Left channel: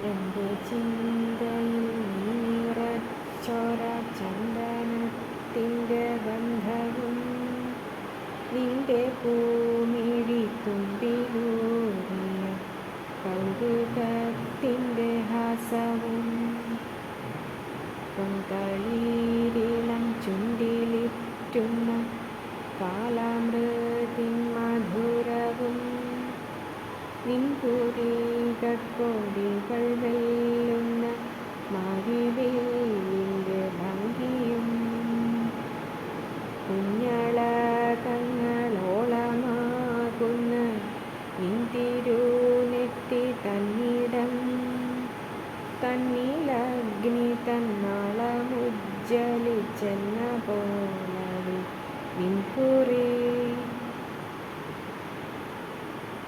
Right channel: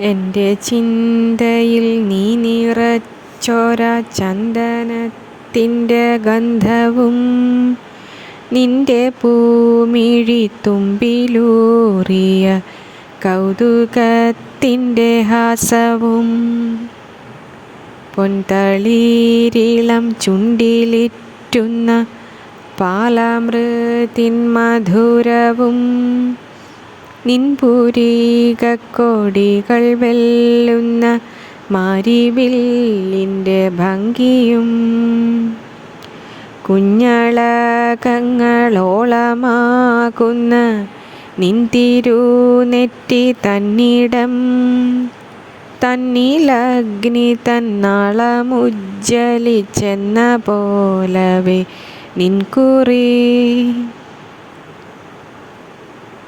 എന്റെ ചിന്തയിൽ നീ നിറച്ചൊര ചന്ദനത്തിന്റെ ഗന്ധവും നിന്റെ പൂമിഴി തുമ്പിലൂറിയ കൗതുകത്തിന്റെ ഹാസവും. പൊൻതളീരിളം ചുണ്ടിലിറ്റുന്ന പാലാമൃതിൻ മധുരവും നിൻപുരീകക്കൊടികൾ വെല്ലുന്ന മാരിവില്ലിന്റെ ഭംഗിയും കുഞ്ഞളകങ്ങളോളമാകുന്ന നിൻ തിരുനെറ്റി തന്നിടം. തന്നിലഗ്നി തന്നാളമുജ്ജലിച്ചെന്ന പോലവേ നിൻകുറി.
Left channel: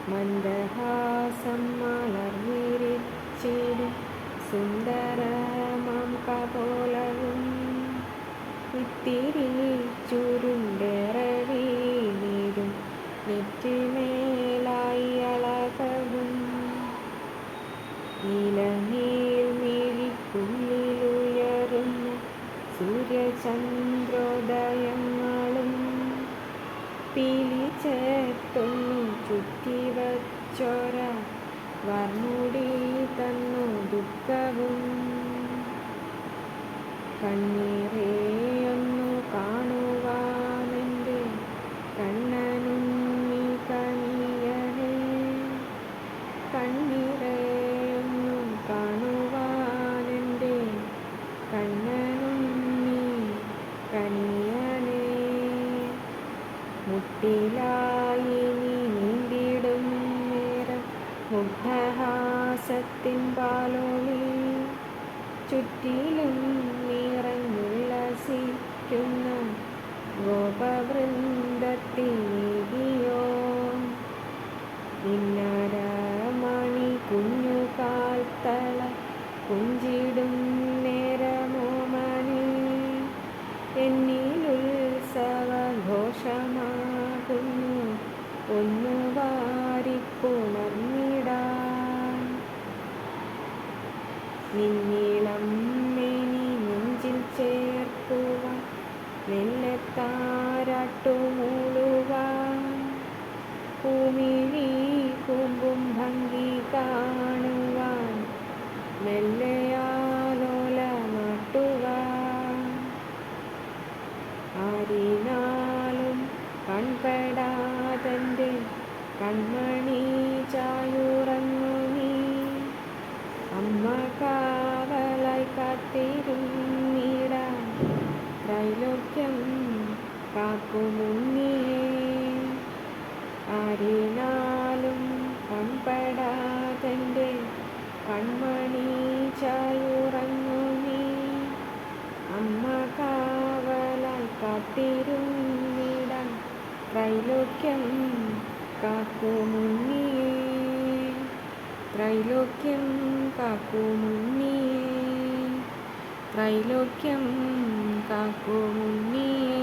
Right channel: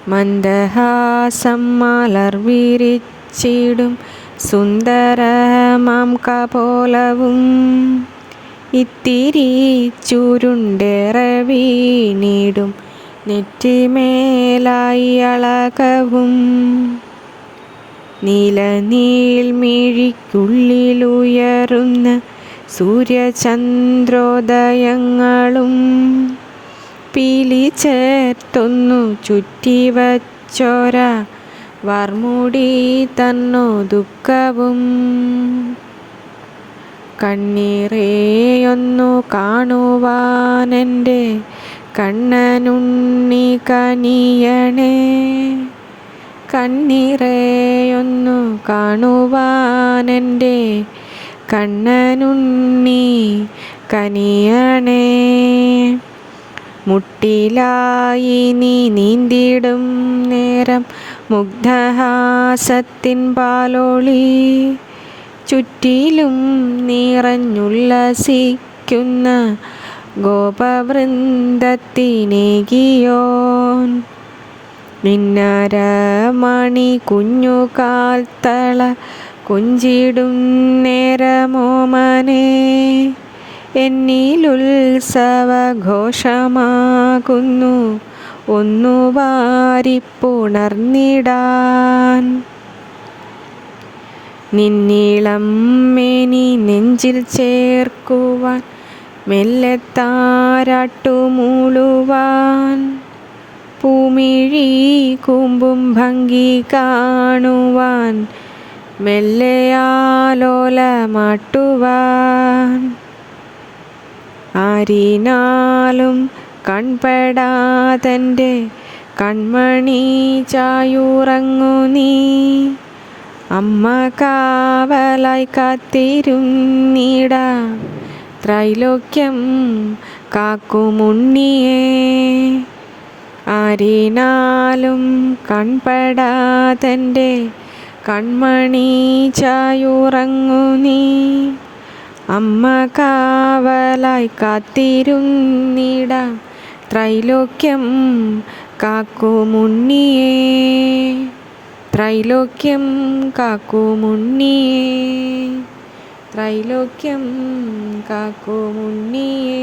മന്ദഹാസം മലർ വിരിച്ചിടും സുന്ദരമാം കപോലവും. ഇത്തിരി ചുരുണ്ടേറവീണിടും നെറ്റിമേലായി അളകവും. നീലനീൽമിഴിക്കുള്ളിലുയരുന്ന സൂര്യചന്ദ്രോദയങ്ങളും പീലി ചേർത്തൊന്നു ചുറ്റിവച്ചോര വർമുടി തന്നു ദുഃഖവും. കണ്ണീറേയൊന്നു കാണുവാനെന്റെ കണ്ണനുണ്ണി കനിയണേ. കണ്ണീറേയൊന്നു കാണുവാനെന്റെ കണ്ണനുണ്ണി കനിയണേ. മുട്ടിലായി നീ നീന്തിടും നേരം. മുഗ്ധഹാസത്തിൻ പാലോളി ചുറ്റിലും നിറഞ്ഞുല്ലസിക്കുന്ന ഗോപവൃന്ദത്തിനേകിയോൻ. നിന്നരമണി കുഞ്ഞുകാൽത്തള കുഞ്ചിടും നേരമോമനെ. എന്നിലുത്സവഘോഷമാകുന്നു ഒന്നു വാരിപ്പുണർന്നിടാൻ. നിന്നീളം മേനി നെഞ്ചിൽ ചേർക്കുവാൻ. മെല്ലെ താരാട്ടുമൂളുവാൻ. പൂമിഴി കൂമ്പും ഭംഗി കാണുവാൻ. മെല്ലെയാലോലമാട്ടുവാൻ ആരിനാലും കൺപെടാതെന്റെ കൺമണി ചായുറങ്ങു നീ. അമ്മ കാവലായി കാത്തിരുന്നിട ത്രൈലോക്യം കാക്കുമുണ്ണിയേ. ആരിനാലും കൺപെടാതെന്റെ കൺമണി ചായുറങ്ങു നീ. അമ്മ കാവലായി കാത്തിരുന്നിട ത്രൈലോക്യം കാക്കുമുണ്ണിയേ ത്രൈലോക്യം കാക്കുമുണ്ണിയേ ത്രൈലോക്യം കാക്കുമുണ്ണിയേ